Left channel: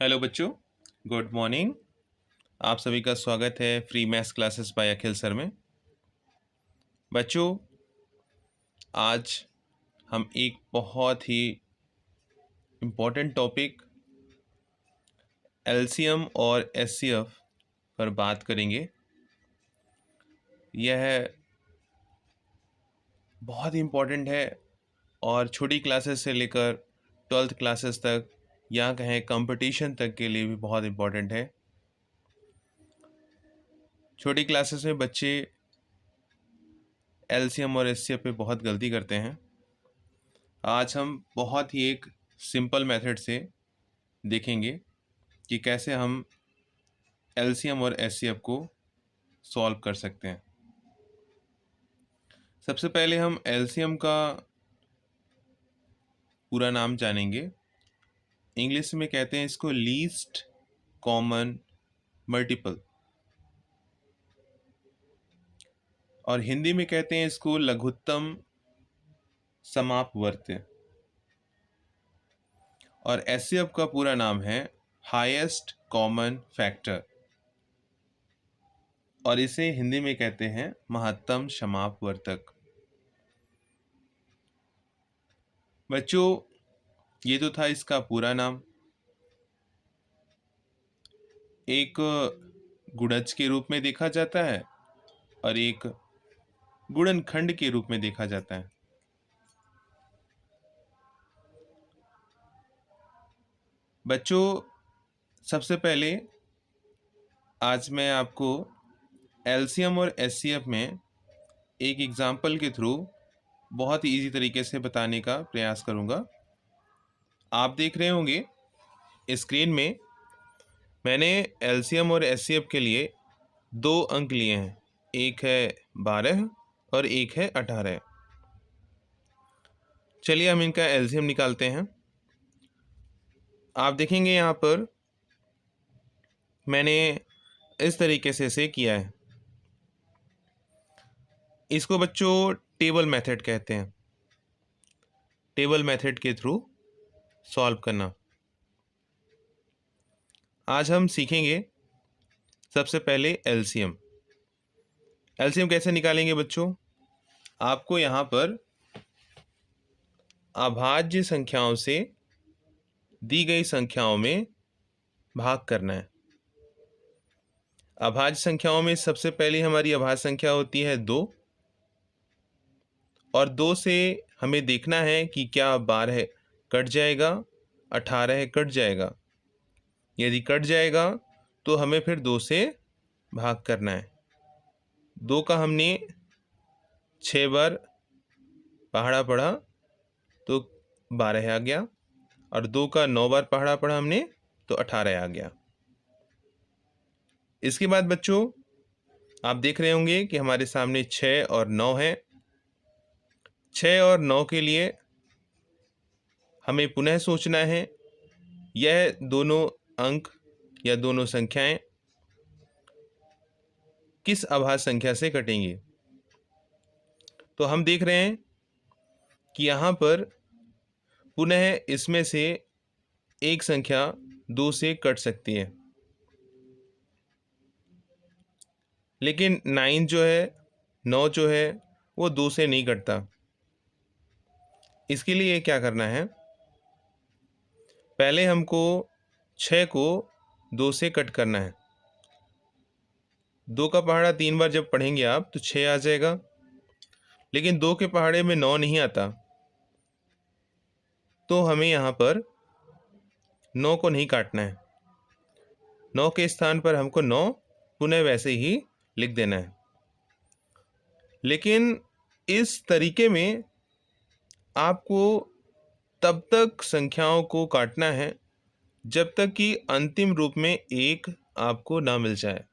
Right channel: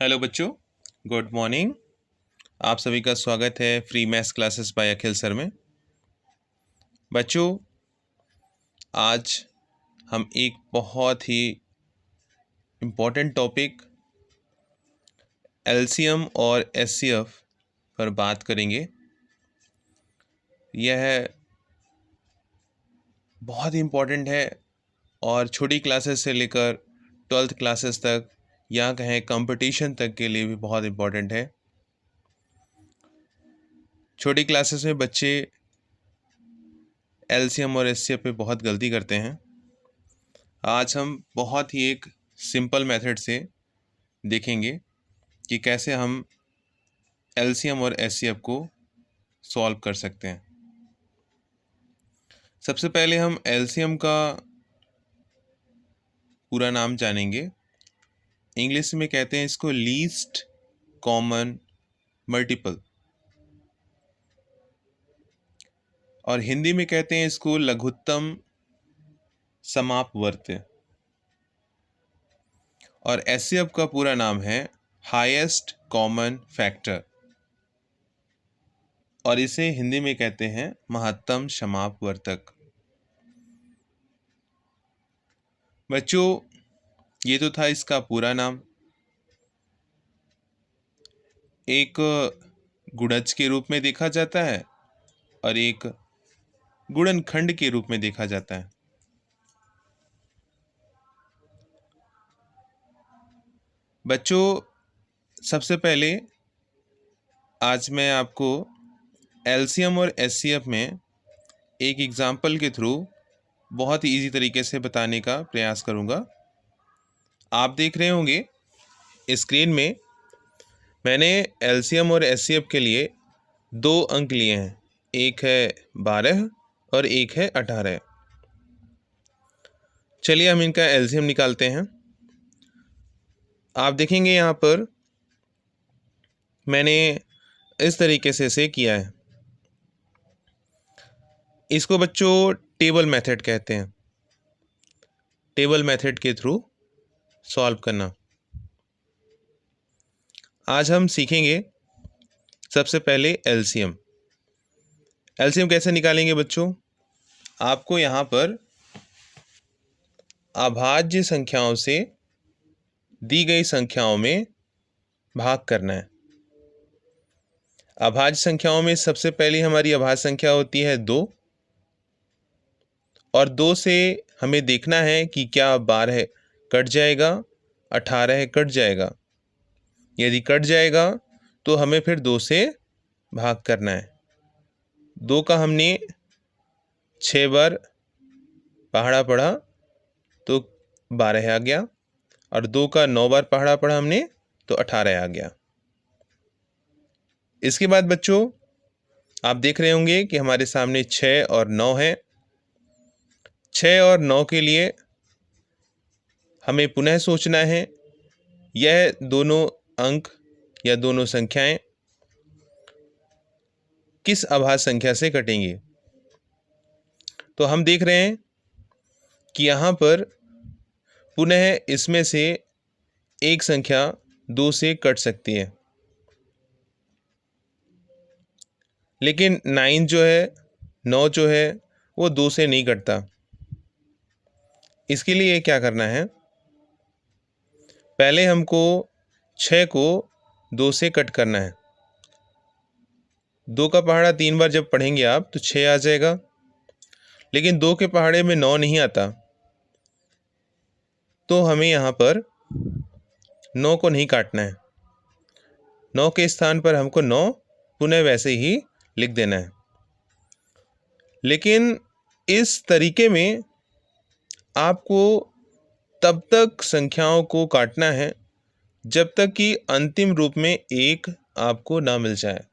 Hello बच्चों, good morning. आप सभी का स्वागत है फ्री मैथ्स क्लासेस बाय अखिल सर में। बच्चों, आज हम एक बहुत ही इम्पोर्टेंट टॉपिक एलसीएम और एचसीएफ पर बात करेंगे। यह बहुत ही इम्पोर्टेंट है और छोटी क्लासेस से लेकर 12th क्लासेस तक या कहें कंपटीशन तक के लिए भी बहुत इम्पोर्टेंट है। छोटी क्लासेस में बच्चे एलसीएम और एचसीएफ पे बहुत गलती करते हैं। आज हम बहुत ही एक सिंपल मेथड से देखेंगे कि कैसे हम एलसीएम और एचसीएफ को सॉल्व कर सकते हैं। सबसे पहले हम एलसीएम का पूरा नाम जानेंगे। इंग्लिश में कहते हैं इसको लीस्ट कॉमन मल्टीपल, और हिंदी में कहते हैं इसको लघुत्तम समापवर्त्य, और एचसीएफ का पूरा नाम है हाईएस्ट कॉमन फैक्टर, और इसे हिंदी में कहते हैं महत्तम समापवर्तक। बच्चों, ये तो था इसका पूरा नाम। एक गुणज के रूप में देखा जाता है और एक गुणनखंड के रूप में देखा जाता है। बच्चों, सबसे पहले आज मैं आपको एलसीएम और एचसीएफ में एक एग्जाम्पल के थ्रू बहुत ही इजी तरीके से बताने का प्रयास करूंगा। आप देख रहे होंगे स्क्रीन में मैंने एलसीएम और एचसीएफ के लिए दो अंक लिए हैं, एक है 12 और एक है 18। चलिए हम इनका एलसीएम निकालते हैं। आप देखेंगे यहाँ पर मैंने इस तरीके से इसे किया है। इसको बच्चों टेबल मेथड कहते हैं। टेबल मेथड के थ्रू सॉल्व करना आज हम सीखेंगे। सबसे पहले एलसीएम। एलसीएम कैसे निकालेंगे बच्चों? आपको यहाँ पर अभाज्य संख्याओं से दी गई संख्याओं में भाग करना है। अभाज्य संख्याओं में सबसे पहली हमारी अभाज्य संख्या होती है 2, और 2 से हमें देखना है कि क्या 12 कट जाएगा, 18 कट जाएगा। यदि कट जाएगा तो हमें फिर 2 से भाग करना है। 2 का हमने 6 बार पहाड़ा पढ़ा तो 12 आ गया, और 2 का 9 बार पहाड़ा पढ़ा हमने तो 18 आ गया। इसके बाद बच्चों आप देख रहे होंगे कि हमारे सामने 6 और 9 है। 6 और 9 के लिए हमें पुनः सोचना है यह दोनों अंक या दोनों संख्याएं किस अभाज्य संख्या से कटेंगी। तो हम देख रहे हैं कि यहाँ पर पुनः इसमें से एक संख्या 2 से कट सकती है, लेकिन 9 जो है वो 2 से नहीं कटता। इसके लिए क्या करना है? पहले हमको 6 को 2 से कट करना है। 2 का पहाड़ा 3 बार जब पढ़ेंगे आप तो 6 आ जाएगा, लेकिन 2 के पहाड़े में 9 नहीं आता, तो हमें यहाँ पर 9 को नहीं काटना है। 9 के स्थान पर हमको 9 पुनः वैसे ही लिख देना है। लेकिन इस तरीके में आपको तब तक संख्याओं को काटना है जब तक कि अंतिम रूप में 1 आपको ना मिल जाए।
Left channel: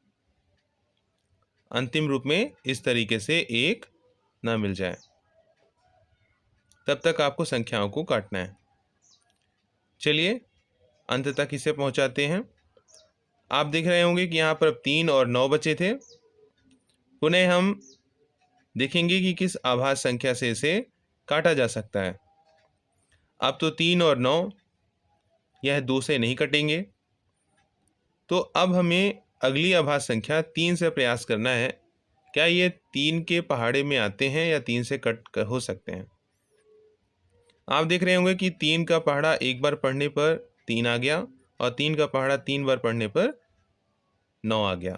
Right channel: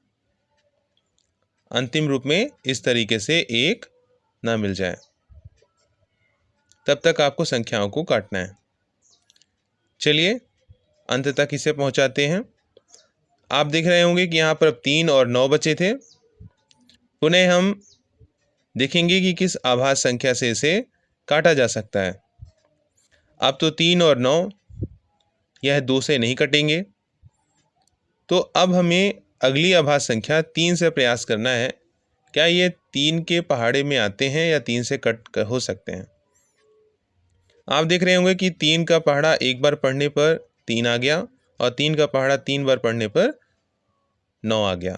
अंतिम रूप में इस तरीके से 1 ना मिल जाए, तब तक आपको संख्याओं को काटना है। चलिए अंत तक इसे पहुंचाते हैं। आप देख रहे होंगे कि यहाँ पर अब 3 और 9 बचे थे। पुनः हम देखेंगे कि किस अभाज्य संख्या से इसे काटा जा सकता है। अब तो 3 और 9 यह 2 से नहीं कटेंगे, तो अब हमें अगली आभास संख्या 3 से प्रयास करना है। क्या ये 3 के पहाड़े में आते हैं या 3 से कट हो सकते हैं? आप देख रहे होंगे कि 3 का पहाड़ा एक बार पढ़ने पर 3 आ गया और 3 का पहाड़ा 3 बार पढ़ने पर 9 आ गया।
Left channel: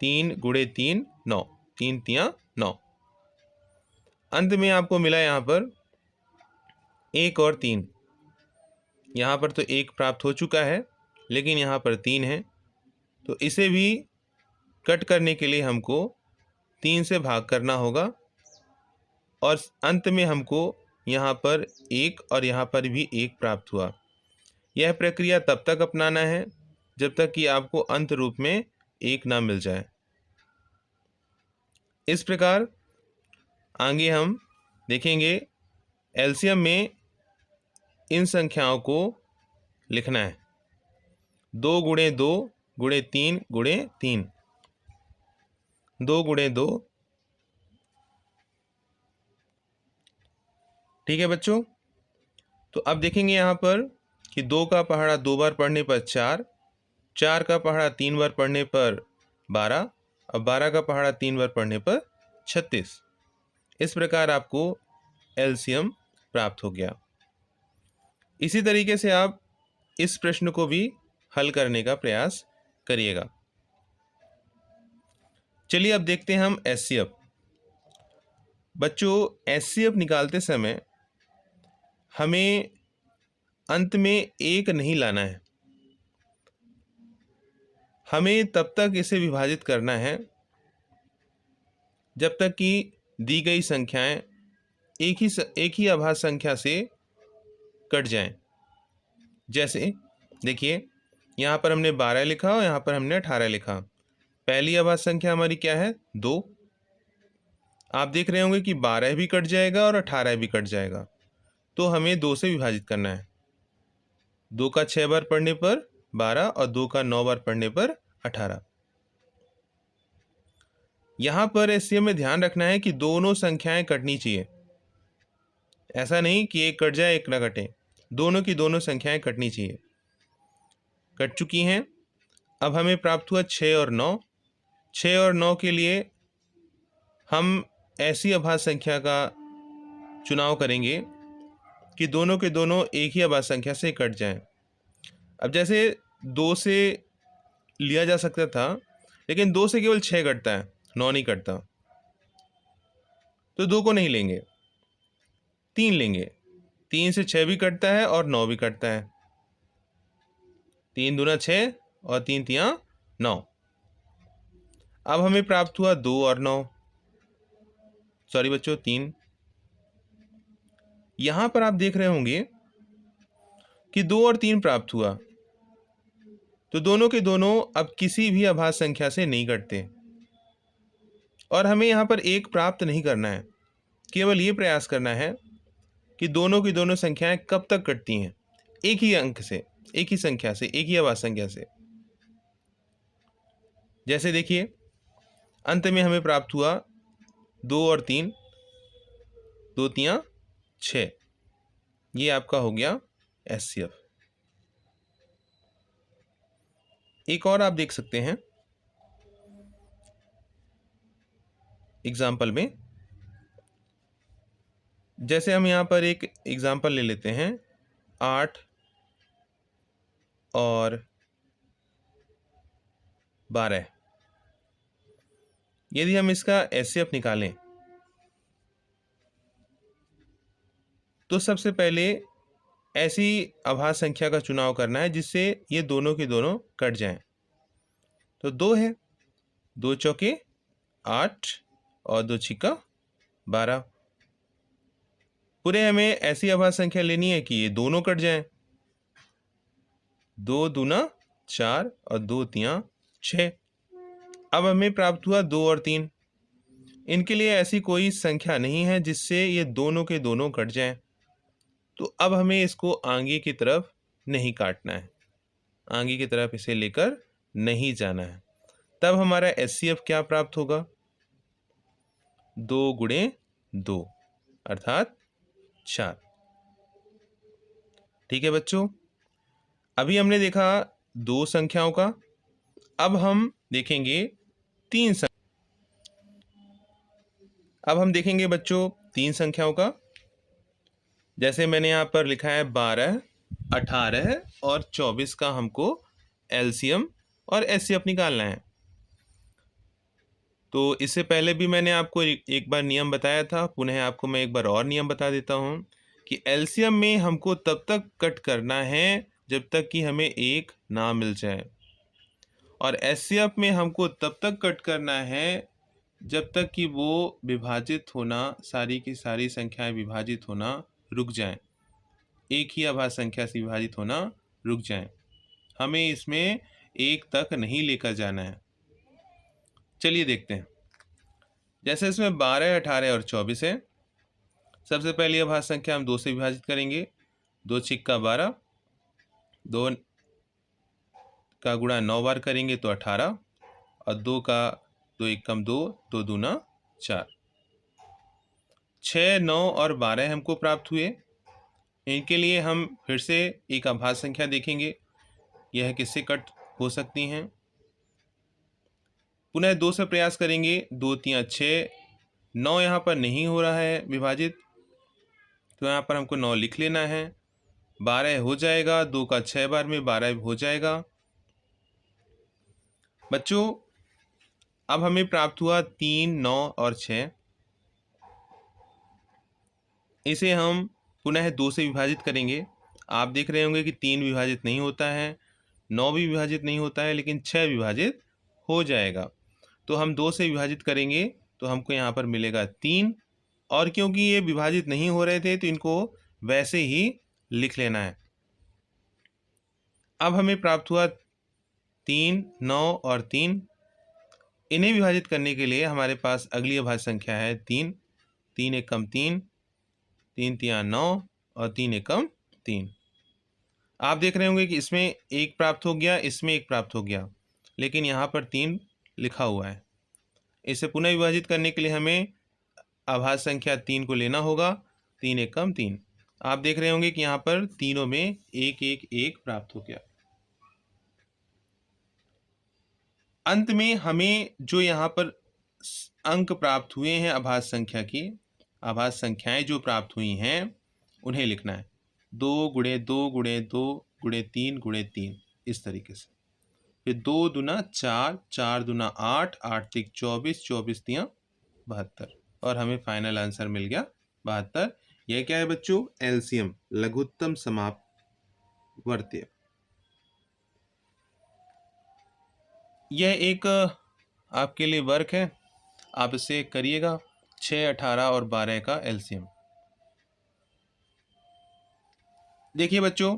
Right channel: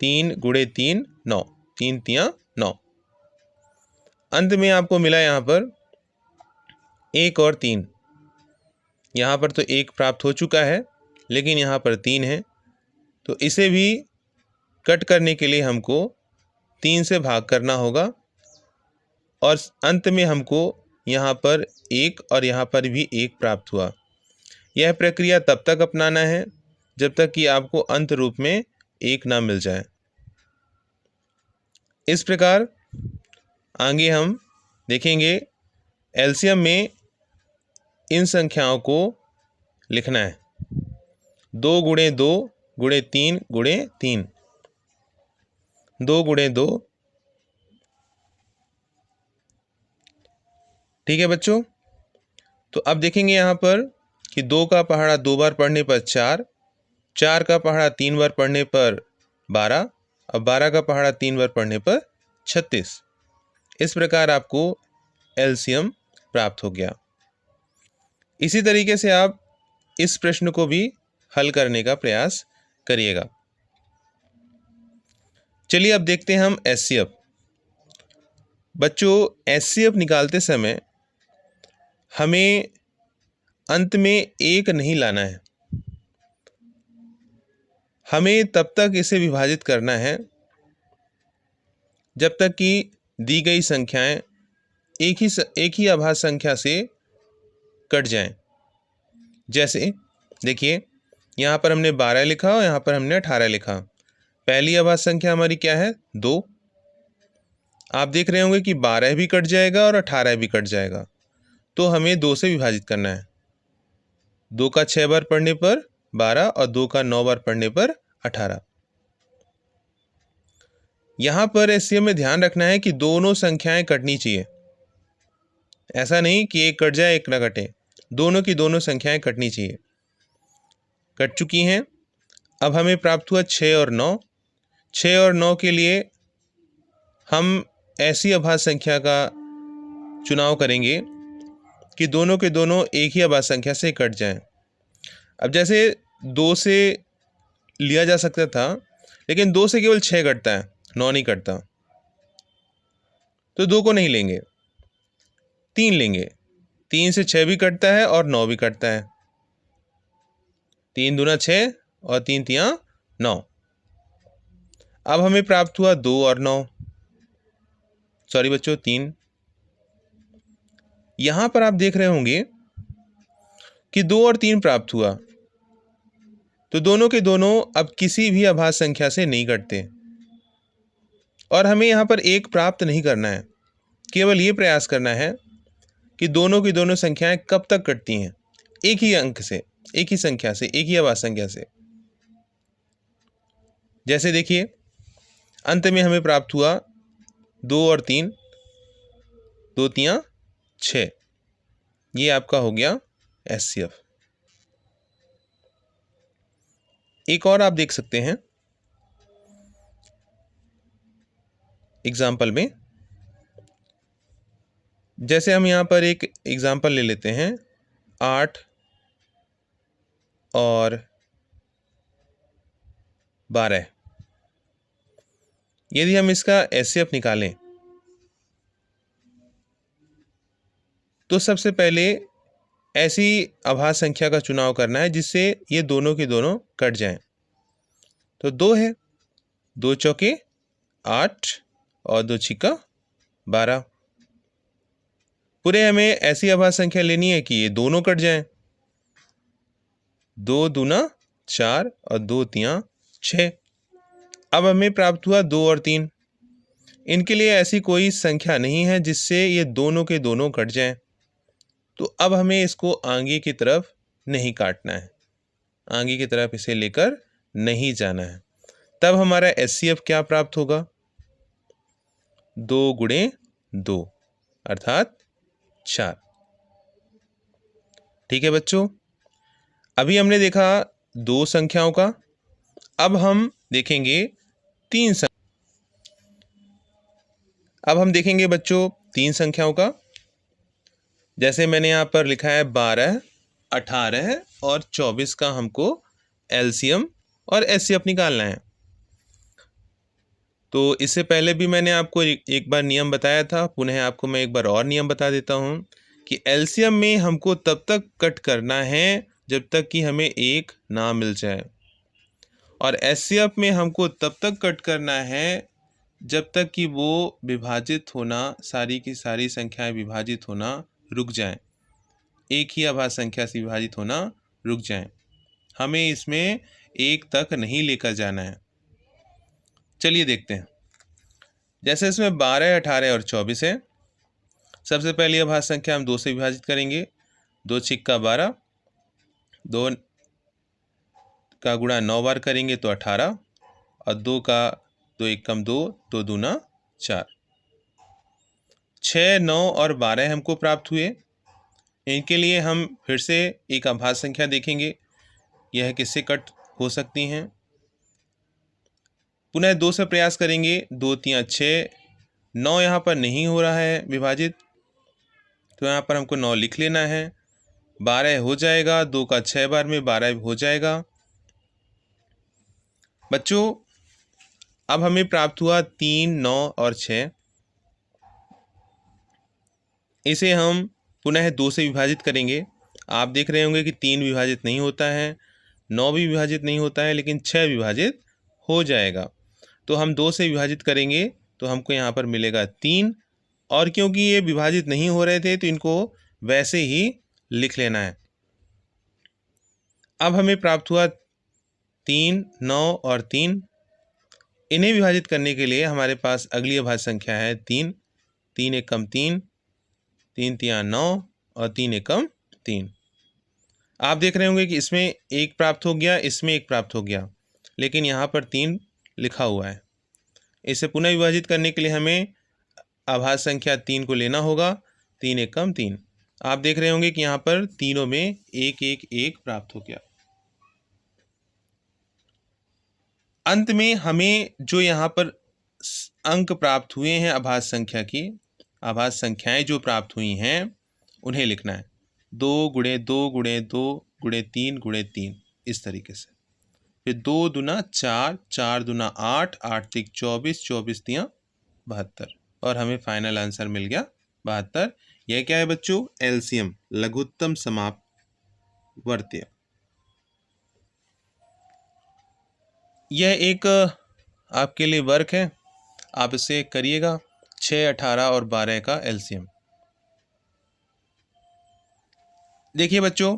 3 गुणे 3 9, 3 तियां 9। अंत में आपको मिला यहाँ पर 1 और 3। यहाँ पर तो 1 प्राप्त हो चुका है, लेकिन यहाँ पर 3 है, तो इसे भी कट करने के लिए हमको 3 से भाग करना होगा और अंत में हमको यहाँ पर 1 और यहाँ पर भी 1 प्राप्त हुआ। यह प्रक्रिया तब तक अपनाना है जब तक कि आपको अंत रूप में 1 ना मिल जाए। इस प्रकार आगे हम देखेंगे एलसीएम में इन संख्याओं को लिखना है। 2 गुणे 2 गुणे 3 गुणे 3, 2 गुणे 2। ठीक है बच्चों, तो अब देखेंगे यहाँ पर कि 2 का पहाड़ा 2 बार पढ़ने पर 4, 4 का पहाड़ा 3 बार पढ़ने पर 12 और 12 का पहाड़ा 3 बार पढ़ने पर 36। इस प्रकार आपको एलसीएम प्राप्त हो गया। इसी तरीके से आप इस प्रश्न को भी हल करने का प्रयास करिएगा। चलिए अब देखते हैं हम एचसीएफ। बच्चों, एचसीएफ निकालते समय हमें अंत में 1 नहीं लाना है। हमें तब तक इसे विभाजित करना है जब तक कि दी गई संख्याएं एक ही आभास संख्या से कट जाएं। जैसे देखिए, यहाँ पर हमने 12 लिखा और यहाँ पर हमने 18 लिखा। पहली आभास संख्या हमारी क्या है? 2। आप देख रहे होंगे कि 12 भी कट जाएगा और 18 भी कट जाएगा, तो हमें 2 से विभाजित करना है। 2 का 6 बार पढ़ने पर 12 और 2 का 9 बार पढ़ने पर 18। यहाँ पर इससे हमें ध्यान रखना है कि दोनों संख्याएं कटनी चाहिए। ऐसा नहीं कि एक कट जाए एक ना कटे, दोनों की दोनों संख्याएं कटनी चाहिए। कट चुकी हैं। अब हमें प्राप्त हुआ 6 और 9। 6 और 9 के लिए हम ऐसी आभास संख्या का चुनाव करेंगे कि दोनों के दोनों एक ही आभास संख्या से कट जाएं। अब जैसे 2 से लिया जा सकता था, लेकिन 2 से केवल 6 कटता है, 9 नहीं कटता, तो 2 को नहीं लेंगे, 3 लेंगे। 3 से 6 भी कटता है और 9 भी कटता है। 3 दूना 6 और 3 तियां 9। अब हमें प्राप्त हुआ 2 और 9, सॉरी बच्चों 3। यहां पर आप देख रहे होंगे कि 2 और 3 प्राप्त हुआ, तो दोनों के दोनों अब किसी भी आभास संख्या से नहीं कटते और हमें यहाँ पर 1 प्राप्त नहीं करना है। केवल ये प्रयास करना है कि दोनों की दोनों संख्याएं कब तक कटती हैं, एक ही अंक से, एक ही संख्या से, एक ही आभास संख्या से। जैसे देखिए, अंत में हमें प्राप्त हुआ 2 और 3, 2 तियां 6। ये आपका हो गया एचसीएफ। एक और आप देख सकते हैं एग्जाम्पल में। जैसे हम यहाँ पर एक एग्जाम्पल ले लेते हैं, 8 और 12। यदि हम इसका एचसीएफ निकालें तो सबसे पहले ऐसी आभास संख्या का चुनाव करना है जिससे ये दोनों के दोनों कट जाएं। तो 2 है, 2 चौके 8 और 2 छिक्का 12। पूरे हमें ऐसी आभास संख्या लेनी है कि ये दोनों कट जाएं। 2 दूना 4 और 2 तियां 6। अब हमें प्राप्त हुआ 2 और 3। इनके लिए ऐसी कोई संख्या नहीं है जिससे ये दोनों के दोनों कट जाएं, तो अब हमें इसको आगे की तरफ नहीं काटना है, आगे की तरफ इसे लेकर नहीं जाना है। तब हमारा एचसीएफ क्या प्राप्त होगा? 2 गुणे 2 अर्थात 4। ठीक है बच्चों, अभी हमने देखा दो संख्याओं का। अब हम देखेंगे अब हम देखेंगे बच्चों तीन संख्याओं का। जैसे मैंने यहाँ पर लिखा है 12, 18 और 24 का हमको एलसीएम और एचसीएफ निकालना है। तो इससे पहले भी मैंने आपको एक बार नियम बताया था, पुनः आपको मैं एक बार और नियम बता देता हूँ कि एलसीएम में हमको तब तक कट करना है जब तक कि हमें एक ना मिल जाए, और एचसीएफ में हमको तब तक कट करना है जब तक कि वो विभाजित होना, सारी की सारी संख्याएं विभाजित होना रुक जाएं, एक ही अभाज्य संख्या से विभाजित होना रुक जाएं। हमें इसमें एक तक नहीं लेकर जाना है। चलिए देखते हैं। जैसे इसमें 12, 18 और 24 है। सबसे पहली अभाज्य संख्या हम 2 से विभाजित करेंगे। 2 छिक्का 12, 2 का गुणा 9 बार करेंगे तो 18, और 2 का 2 एकम 2, 2 दूना 4। 6, 9 और 12 हमको प्राप्त हुए। इनके लिए हम फिर से एक अभाज्य संख्या देखेंगे, यह किससे कट हो सकती हैं। पुनः 2 से प्रयास करेंगे। 2 3 6, 9 यहाँ पर नहीं हो रहा है विभाजित, तो यहाँ पर हमको 9 लिख लेना है। 12 हो जाएगा, 2 का 6 बार में 12 हो जाएगा। बच्चों अब हमें प्राप्त हुआ 3, 9 और 6। इसे हम पुनः 2 से विभाजित करेंगे। आप देख रहे होंगे कि 3 विभाजित नहीं होता है, 9 भी विभाजित नहीं होता है, लेकिन 6 विभाजित हो जाएगा। तो हम 2 से विभाजित करेंगे तो हमको यहाँ पर मिलेगा 3, और क्योंकि ये विभाजित नहीं हो रहे थे तो इनको वैसे ही लिख लेना है। अब हमें प्राप्त हुआ 3, 9 और 3। इन्हें विभाजित करने के लिए हमारे पास अगली अभाज्य संख्या है 3। 3 एकम 3, 3 तिया 9 और 3 एकम 3। आप देख रहे होंगे कि इसमें एक प्राप्त हो गया, इसमें एक प्राप्त हो गया, लेकिन यहाँ पर 3 लिखा हुआ है। इसे पुनः विभाजित करने के लिए हमें अभाज्य संख्या 3 को लेना होगा। 3 एकम 3। आप देख रहे होंगे कि यहाँ पर तीनों में एक एक एक प्राप्त हो गया। अंत में हमें जो यहाँ पर अंक प्राप्त हुए हैं अभाज्य संख्या की, अभाज्य संख्याएं जो प्राप्त हुई हैं उन्हें लिखना है। 2 गुणे 2 गुणे 2 गुणे 3 गुणे 3, इस तरीके से। फिर 2 दूना 4, 4 दूना 8, 8 तिक 24, 24 तिया 72, और हमें फाइनल आंसर मिल गया 72। यह क्या है बच्चों? एलसीएम, लघुत्तम समापवर्त्य। यह एक आपके लिए वर्क है, आप इसे करिएगा। 6, 18 और 12 का एलसीएम। देखिए बच्चों,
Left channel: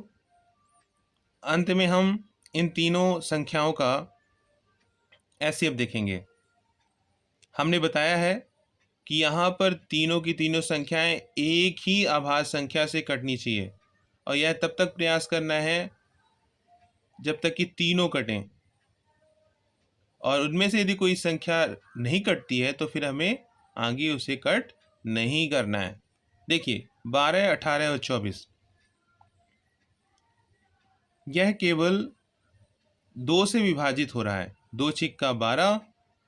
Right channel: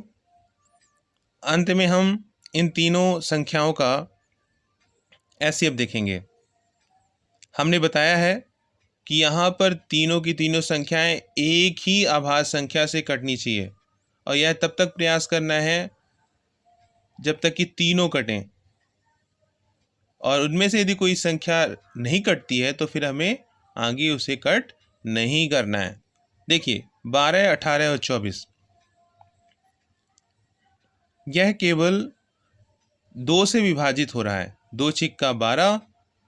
अंत में हम इन तीनों संख्याओं का एचसीएफ देखेंगे। हमने बताया है कि यहाँ पर तीनों की तीनों संख्याएं एक ही अभाज्य संख्या से कटनी चाहिए, और यह तब तक प्रयास करना है जब तक कि तीनों कटें, और उनमें से यदि कोई संख्या नहीं कटती है तो फिर हमें आगे उसे कट नहीं करना है। देखिए 12, 18 और 24, यह केवल 2 से विभाजित हो रहा है। 2 छिक्का 12,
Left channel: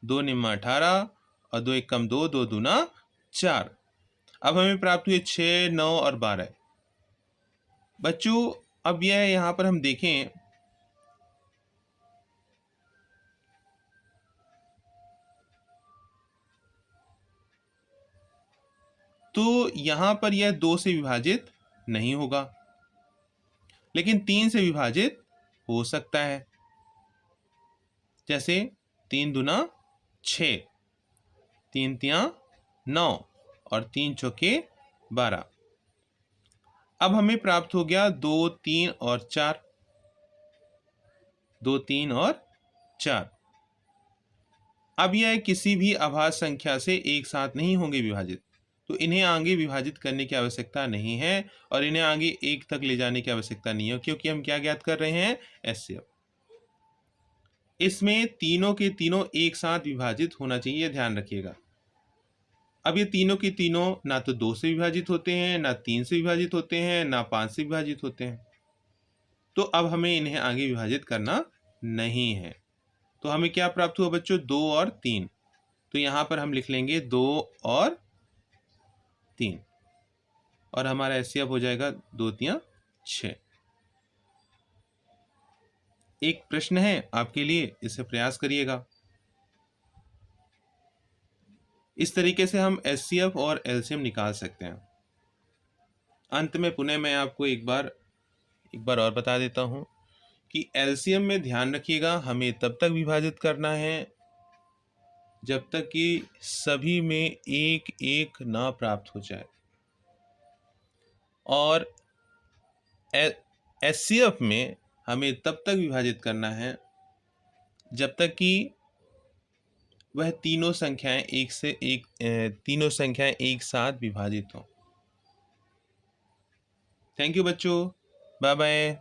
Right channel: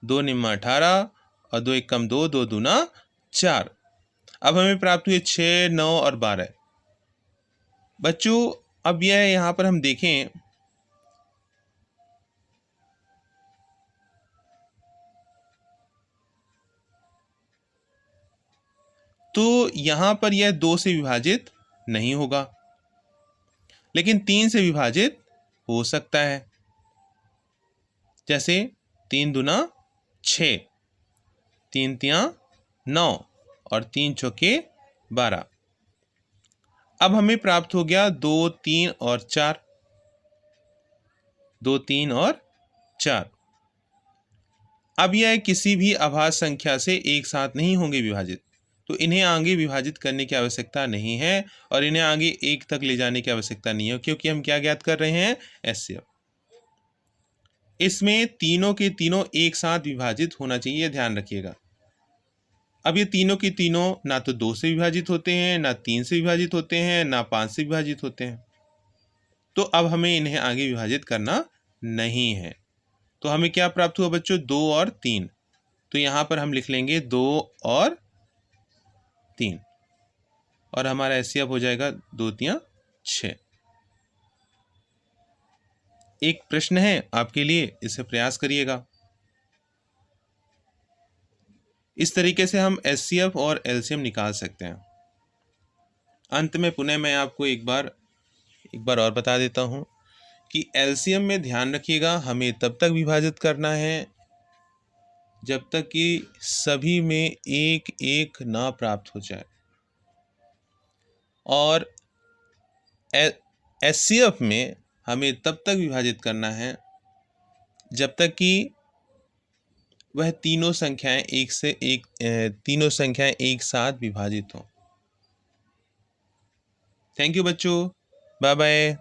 2 निम्मा 18 और 2 एकम 2, 2 दूना 4। अब हमें प्राप्त हुए 6, 9 और 12। बच्चों अब यह यहाँ पर हम देखें तो यहाँ पर यह 2 से विभाजित नहीं होगा, लेकिन 3 से विभाजित हो सकता है। जैसे 3 दूना 6, 3 तिया 9 और 3 चौके 12। अब हमें प्राप्त हो गया 2, 3 और 4। 2, 3 और 4। अब यह किसी भी अभाज्य संख्या से एक साथ नहीं होंगे विभाजित, तो इन्हें आगे विभाजित करने की आवश्यकता नहीं है, और इन्हें आगे एक तक ले जाने की आवश्यकता नहीं है, क्योंकि हम क्या ज्ञात कर रहे हैं? एचसीएफ। इसमें तीनों के तीनों एक साथ विभाजित होना चाहिए, ध्यान रखिएगा। अब ये तीनों के तीनों ना तो 2 से विभाजित होते हैं, ना 3 से विभाजित होते हैं, ना 5 से विभाजित होते हैं। तो अब हमें इन्हें आगे विभाजित करना नहीं है। तो हमें क्या प्राप्त हुआ बच्चों? 2 और 3। तो यहाँ पर हम लिख लेंगे 2 और 3 और हमारा एचसीएफ हो जाएगा 2 तिया 6। एक प्रश्न है आपके लिए, इसे प्रयास करिएगा। इस तरीके से हम एचसीएफ और एलसीएम निकाल सकते हैं। अंत में पुनः मैं आपको एक बार और बता देता हूँ कि एलसीएम में ध्यान रखिएगा, हमें तब तक विभाजित करना है जब तक कि सभी में एक एक ना प्राप्त हो जाए, और एचसीएफ में हमें तब तक विभाजित करना है जब तक कि वह तीनों संख्याएं एक साथ विभाजित हों। थैंक यू बच्चों, बाय बाय।